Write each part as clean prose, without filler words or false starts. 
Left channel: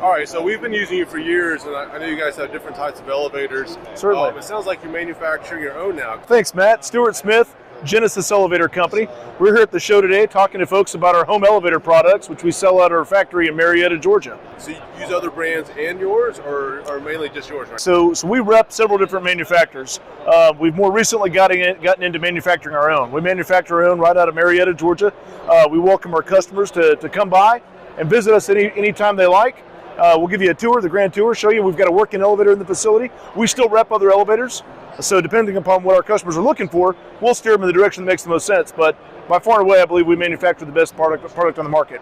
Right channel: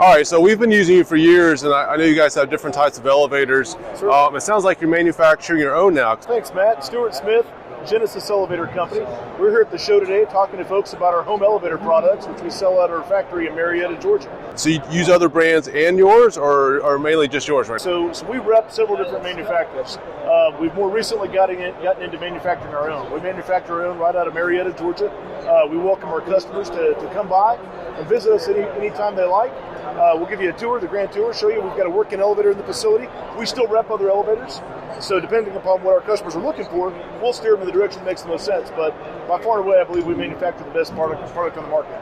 All right, so we've been using you for years, and I know you guys have different types of elevators. Certainly. It sounds like you're manufacturing your own now. Thanks, Matt. Stewart Smith, Genesis Elevator Company. We're here at the show today talking to folks about our home elevator products, which we sell at our factory in Marietta, Georgia. So you use other brands and yours, or mainly just yours, right? So we rep several different manufacturers. We've more recently gotten into manufacturing our own. We manufacture our own right out of Marietta, Georgia. We welcome our customers to come by and visit us anytime they like. We'll give you a tour, the grand tour, show you we've got a working elevator in the facility. We still rep other elevators, so depending upon what our customers are looking for, we'll steer them in the direction that makes the most sense. But by far and away, I believe we manufacture the best product on the market.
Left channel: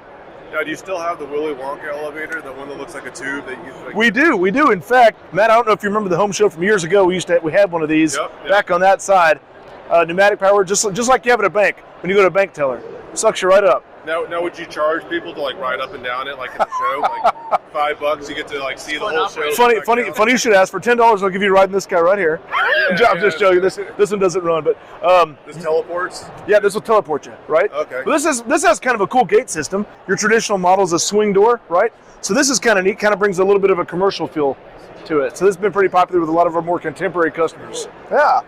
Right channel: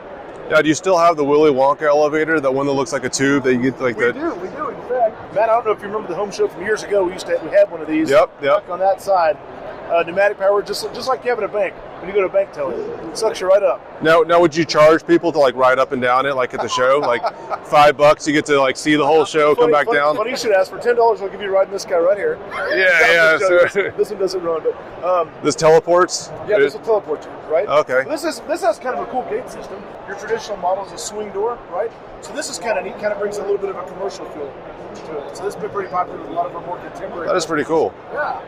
Now, do you still have the Willy Wonka elevator, the one that looks like a tube that you get like? We do. In fact, Matt, I don't know if you remember the home show from years ago. We had one of these back on that side. Pneumatic power, just like you have at a bank when you go to a bank teller. It sucks you right up. Now, would you charge people to like ride up and down it like at the show? Like $5, you get to like see the whole show. Funny you should ask. For $10, I'll give you a ride in this guy right here. Yeah, sure. This one doesn't run, but this teleports. Yeah, this will teleport you, right? Okay. Well, this has kind of a cool gate system. Your traditional model is a swing door, right? So this is kind of neat. Kind of brings a little bit of a commercial feel to it. So this has been pretty popular with a lot of our more contemporary customers. That's pretty cool. Yeah.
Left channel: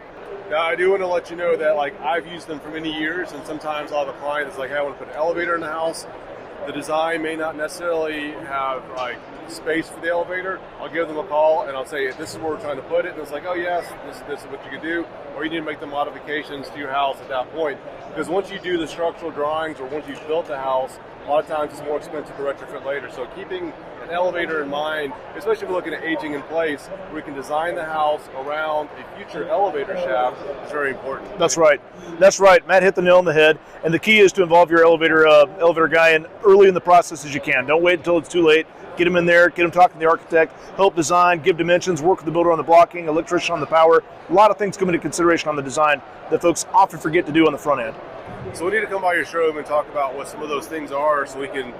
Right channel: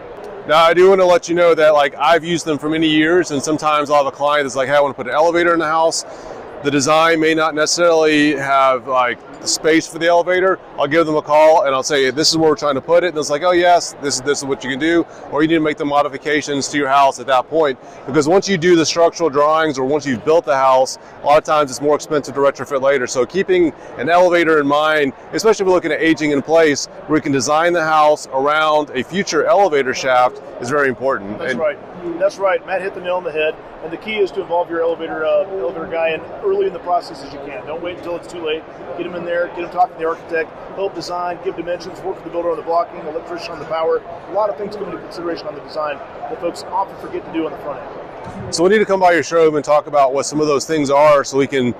Now, I do want to let you know that like I've used them for many years, and sometimes I'll have a client that's like, hey, I want to put an elevator in the house. The design may not necessarily have like the space for the elevator. I'll give them a call and I'll say, this is where we're trying to put it. And it's like, oh yes, this is what you can do. Or you need to make the modifications to your house at that point. Because once you do the structural drawings or once you've built the house, a lot of times it's more expensive to retrofit later. So keeping an elevator in mind, especially if we're looking at aging in place, where we can design the house around a future elevator shaft is very important. That's right. Matt hit the nail on the head. And the key is to involve your elevator guy in early in the process as you can. Don't wait until it's too late. Get them in there, get them talking to the architect, help design, give dimensions, work with the builder on the blocking, electrician on the power. A lot of things come into consideration on the design that folks often forget to do on the front end. So we need to come by your showroom and talk about what some of those things are so we can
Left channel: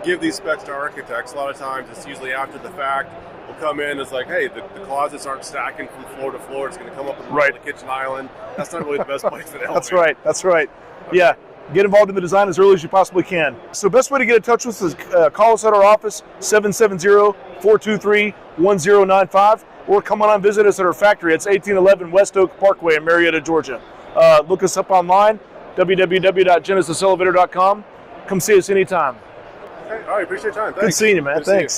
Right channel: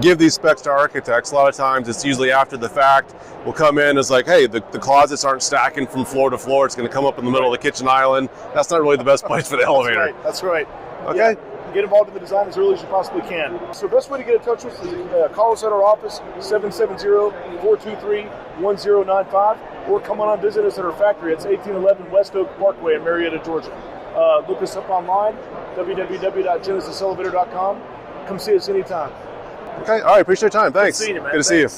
give these specs to architects. A lot of times it's usually after the fact. We'll come in, it's like, hey, the closets aren't stacking from floor to floor. It's going to come up in the middle of the kitchen island. That's not really the best place for the elevator. That's right. Okay. Yeah. Get involved in the design as early as you possibly can. So the best way to get in touch with us is call us at our office, 770-423-1095, or come on and visit us at our factory. It's 1811 West Oak Parkway in Marietta, Georgia. Look us up online, www.genesiselevator.com. Come see us anytime. Okay, all right, appreciate your time. Thanks. Good seeing you, man. Good to see you.